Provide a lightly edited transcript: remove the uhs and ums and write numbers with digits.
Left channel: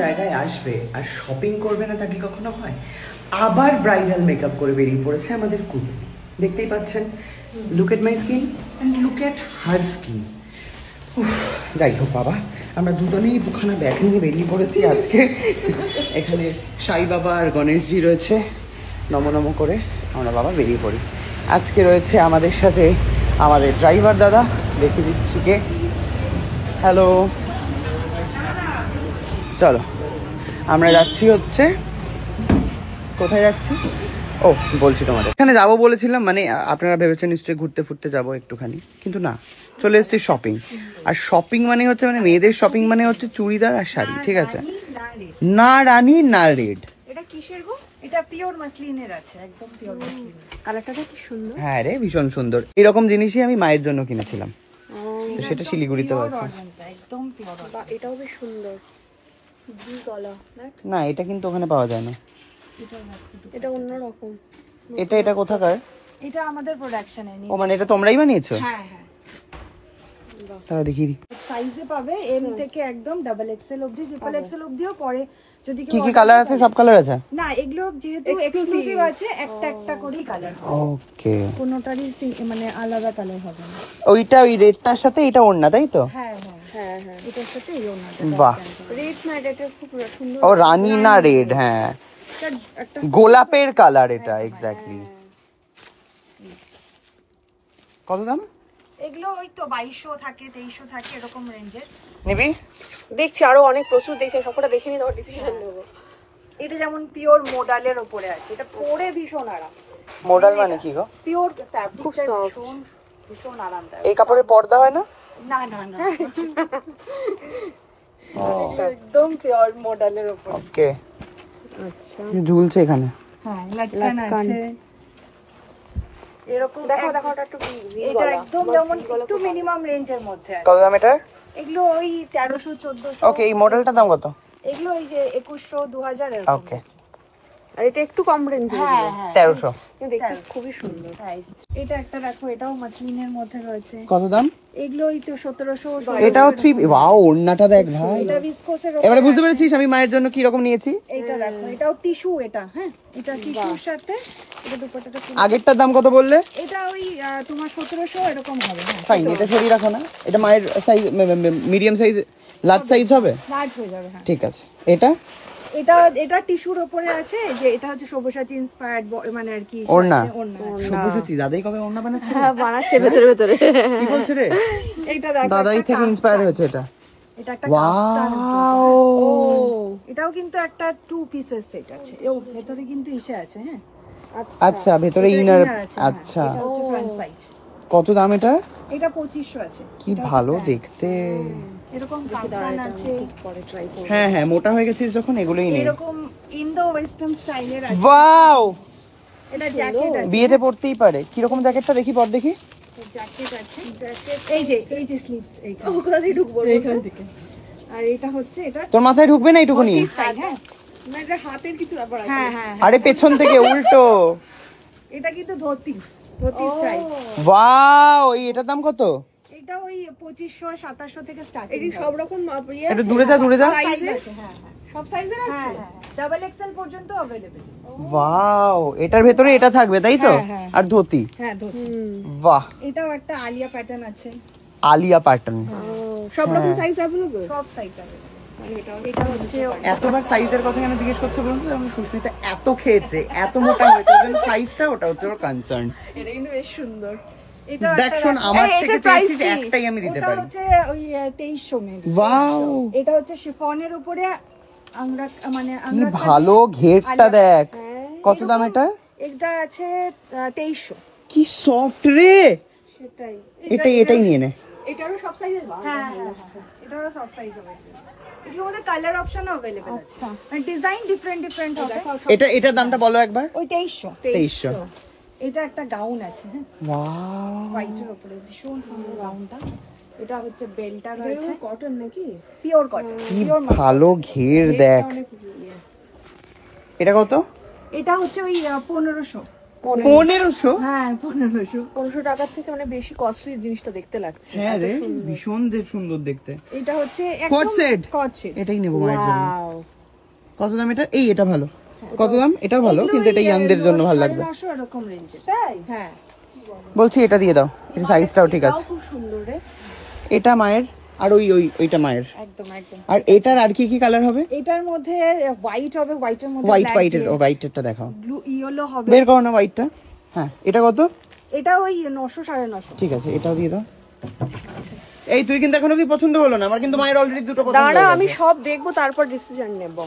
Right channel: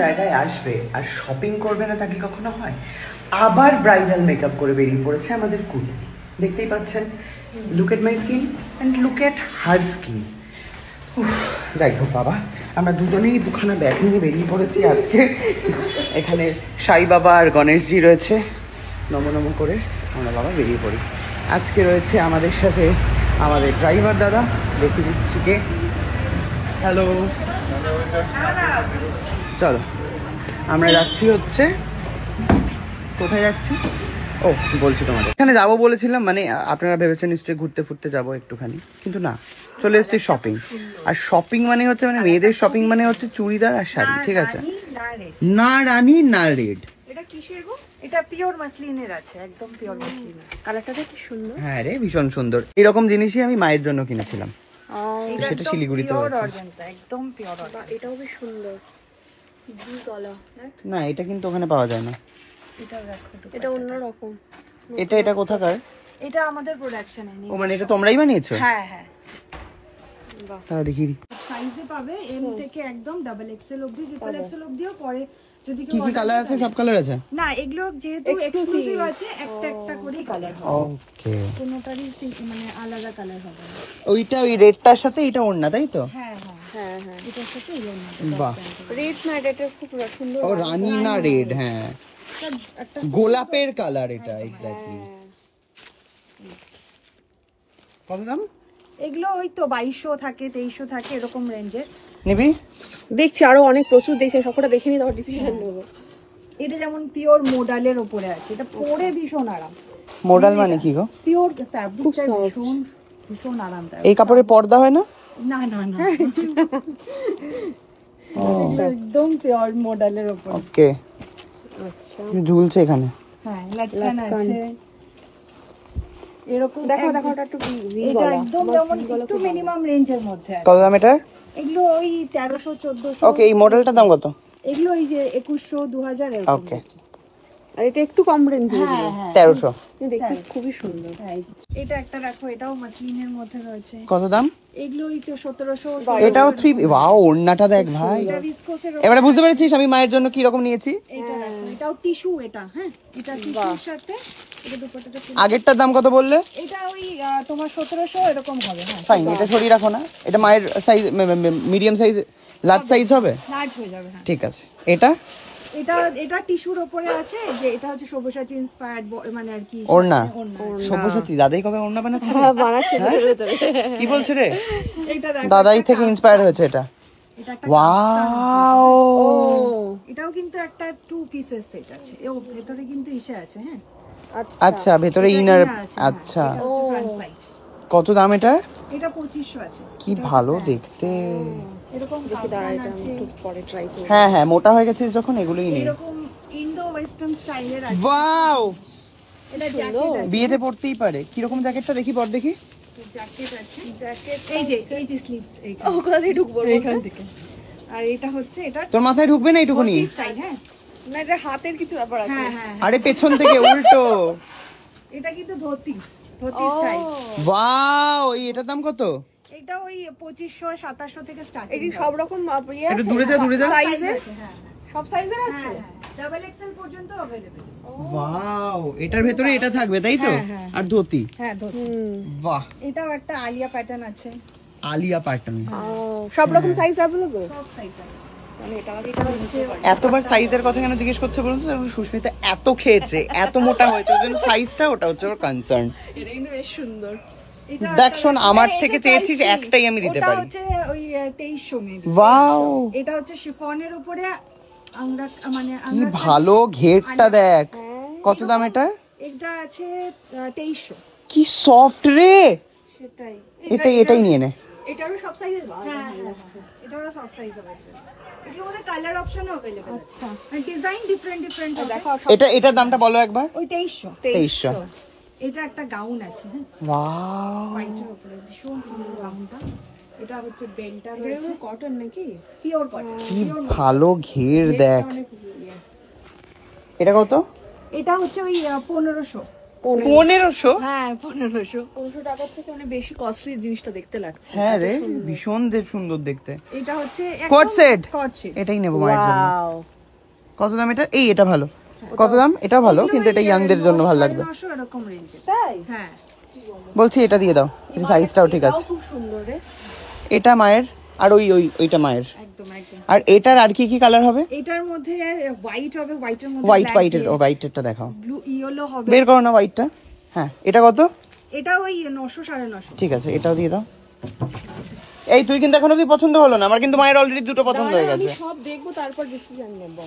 জায়গায় আসবে আর শপিং করবে না তা কি কখনো হয়? আবার ব্রাইডাল মেকআপ করে বেরিয়ে পড়েছে আমাদের কুটনি। দেখতেই পাচ্ছেন, look at my skin and look at her skin. যাই হোক বাবা, আমরা দুজনেই দুখানা ব্যাগ নিয়ে বেরিয়ে পড়েছি আজকে। এখানে সাই বাবা আর গণেশজি রয়েছে, নম নম করে আমরা বাবা বেরিয়ে পড়ি। আজকে রয়েছে আমাদের সাথে আমাদের ড্রাইভার দাদা, দেখিয়ে দিচ্ছি কে। হ্যালো, চলো আমরা যাচ্ছি হচ্ছে, কোথায় যাচ্ছি ও বলছি তোমাদের। এখানে যাবো বলেছিলাম, মানে আপনারা ভেবেছেন নিশ্চয়ই ঘুরতে ফুরতে যাবো একটুখানি, কিন্তু না, চলে এসেছি শপিং। আর শপিং মানে হচ্ছে, মানে মেয়েদের শপিং মানে হচ্ছে চুড়িদার আর শাড়ি, ঠিক আছে? না রানী না রেড। এটা কিসের গো? এটা পিওর মাসলিনের আছে, একদম পিওর মাসলিন। কালারটা কি সুন্দর। হ্যাঁ রে, ভীষণ সুন্দর। এরকম জিনিসই আমি মায়ের জন্য কিনেছিলাম, তো সেটা শিলিগুড়িতে আছে। একদম পিওর। এটাও বেশ সুন্দর, ব্লু কালার। না এটা কিন্তু ওখানে পাওয়া যায় না, এটা অন্যরকম। এটা কোথাকার? এটা আমাদের প্রোডাকশনে। ও মানে এটা তোমরাই বানিয়েছো? হ্যাঁ হ্যাঁ। তাহলে দেখিয়ে দিই। সাইজে পাবে এম থেকে একদম ডাবল এক্সেল অবধি, ট্রিপল এক্সেল অবধিও পরে। যদি কি কি কালার আছে? সব কালার আছে না, এগুলো যেহেতু এক্সক্লুসিভ আছে, একটা একটা করেই কালার হবে। ওকে, কোনোটারই মানে আলাদা কালার হবে না। ওইটা ওই রেডটার সাথে এটা ওড়না, তাই তো? হ্যাঁ হ্যাঁ হ্যাঁ হ্যাঁ, এটার সাথে এই ওড়নাটা। বাহ, রেড না, এটা খুব সুন্দর। ও রানী না রেড, হ্যাঁ গোলাপের কালার এটা, এক্স্যাক্টলি। কত দাম? এগুলো ওই তো 2200 থাকে, 2300 থাকে, এরকম রেঞ্জের। নিবি? দেখছি আরো অনেক প্রচুর দেখছি, সবকটা দেখে নিয়ে তারপর ডিসিশন নেব। এটা যেমন পিওর মোডালের উপরে আছে, এটা পরে ভীষণ আরাম। মোডাল মানে কি গো? পিওর ফ্যাব্রিক, ভীষণ আরাম। এই কাপড়ের পর্দা হয় না? না না না, একদম পিওর মোডালের উপর। ওকে, আচ্ছা ঝুলছে এখানে। হ্যাঁ, লাটকান আছে এরকম। দেখো দেখো, এটা একদম যেমন একটু মিনিমাম রেঞ্জের মধ্যে আছে। কত দাম এটা? এগুলো ওই 1300 1400। ওকে, এই মডেলটার দাম কত? এগুলো ওই যে 2100 2000 এরকম। ওকে, এটা একটু কম রেঞ্জে। হ্যাঁ হ্যাঁ, 1300। দেখতে খুবই সুন্দর। হ্যাঁ, এটা একটা রাখো, এটাও মাসলিনের মধ্যে রয়েছে। কত দাম? এগুলো ওই তো 1700। এটাও 3। ওয়াও, ওড়নাটা দেখ ভাই। এটা ভিসকোসের। এবারে বুঝতে পেরেছিস আমি মায়ের জন্য কি রকম নিয়েছি? এটা রাখো, এটাও টিস্যু। এটা হ্যাঁ, এটা টিস্যুর সাথে এটা দুপাট্টাটা। আগেরটার দাম কত বললে? এটা ওই তোমার 1700 এরকম হবে। ফাইন, এটা সরিয়ে রাখো না। এটা মায়ের size, medium size, large size হবে? লার্জ হয়ে যাবে, হ্যাঁ ঠিক আছে। এটা এটা টিস্যুর উপরে আছে, যে এটা হচ্ছে সব্যসাচী ইন্সপায়ার্ড, মানে আর কি ওড়না। সব্যসাচী দাদাই কবে ওড়না বানাচ্ছে? বানাচ্ছে ভেতরে ভেতরে। কি বলছ রে? এটা দাদাই থেকে ইন্সপায়ার হয়েছে এটা। এটা একটা ওয়াও, এটাও কিন্তু একটা 2 পিসের সেট আছে। এও ভেতরে কিন্তু ইসে আছে। হ্যাঁ আচ্ছা, ভেতরে ইনার। আচ্ছা, এটা হচ্ছে ফ্রন্ট সাইড। কত দাম এটা? এটা 2500 আছে। কি ভালো দেখতে। এরকম কাফতান আছে। হ্যাঁ হ্যাঁ, মোটা হয়ে গেছিস যখন, এগুলোই নেই। এরকম ইন্দো ওয়েস্টার্ন স্টাইলের আছে। ওয়াও, এটা জ্যাকেট আছে, বিয়েতে পড়তেই পারে। কি রকম জ্যাকেটটা দেখি, পর দেখি। জ্যাকেট আছে, জ্যাকেট এই যে স্লিভস এইখানে। ওখান থেকে ঢুকবো, এইখান থেকে। আর এটা হচ্ছে, এটা তোর মাথায় ঢুকবে না এইটুকুনি? হ্যাঁ না, এটা হাতের কিছু ব্যাপার আছে। হ্যাঁ হ্যাঁ, আরে পেছন থেকে উল্টো। এটা কিন্তু ধুতি স্টাইল। ওয়াও, এটার দাম কত? এটা ওই 2500 2700 থেকে স্টার্ট। এই সব রকম একটু দূরে যা, দূরে যা। সাইজের, হ্যাঁ সব সাইজের আছে, ডাবল এক্সেল পর্যন্ত अवेलेबल। ওয়াও, এটার ভেতরে এটা থাকবে তাই তো? আর ধুতি। হ্যাঁ ধুতি। বাহ, এটাও একটা আলিয়া প্যাটার্ন আছে। আলিয়া প্যাটার্ন। সব রকম সাইজ अवेलेबल, সব সাইজ अवेलेबल। এতবার সাইজের কথা কেন জিজ্ঞেস করছে বলুন তো? সুস্মিতা এত খেয়েছে, এত মোটা হয়েছে, ওই জন্য সাইজটা, ওটা হচ্ছে ওর কনসার্ন। এটা কিন্তু বেশ সুন্দর। দেখ শোন, আমার থেকে চেয়েছিস একটাই আমি দিতে পারি। ওটা হচ্ছে ওই 2300 মেবি। ওয়াও, এটা হচ্ছে শিফনের উপরে আমরা, মানে কি ভালো ঘেরটা দেখ। কত দাম এটা? এটা আছে 2300। কি সফট রে। সেটাই, এটাই নিয়ে নে। এটারও সব সাইজের। হ্যাঁ এটারও সব সাইজ अवेलेबल। এগুলোর মধ্যে কালার অপশন अवेलेबल আছে। আচ্ছা, আর ডিজাইন ডিফারেন্ট হবে। এটার দামটা বলো একবার। ওই 2300। 2300। এটা একটা গাউন আছে। হ্যাঁ ওয়াও, হোয়াইটের উপরে ভীষণ সুন্দর গাউনটা। এটা হচ্ছে বেলটা রয়েছে, কটন নাকি? Pure cotton. কি ভালো ঘের দেখ। এটা কত? এটা হচ্ছে ওই 1500। 1500? হ্যাঁ 1500। 1500 টাকার থেকে মানে বেশি কস্টলি জিনিসটা দেখতে লাগছে। হ্যাঁ রে, ভীষণ সুন্দর দেখতে। এটা হচ্ছে কোট সেট, কোট সেট, এটাই নেবো মায়ের জন্য। ওয়াও, কত দাম এটা? এই এটা ভালো। কত দাম? এটা ভালো, কিন্তু এটা ইয়াংদের জন্য ভালো লাগবে। 900 এরকম রেঞ্জে। তাই? হ্যাঁ বলছি এটা দিয়ে দাও, এটা সাইজটাও ঠিক আছে। খুব সুন্দর রে। এটা মায়ের, আর ওইটা মায়ের। একদম একদম। আর এটার আর কি কি কালার হবে? এটার মধ্যে হোয়াইট হবে, হোয়াইটের মধ্যে হোয়াইটেরটা দেখাও। ব্লু ইয়েলো হবে। বের করো না হোয়াইটটা। হ্যাঁ, এটা কত? এটা ওই 900 950। ঠিক আছে, এটাও দিয়ে দাও। এই তুই কিন্তু এখনো কি পছন্দ হলো না? আমার কিন্তু মায়ের অলরেডি দুটো পছন্দ হয়ে দাঁড়া, গেছে। আমি সব দেখবো তারপর ডিসিশন নেব।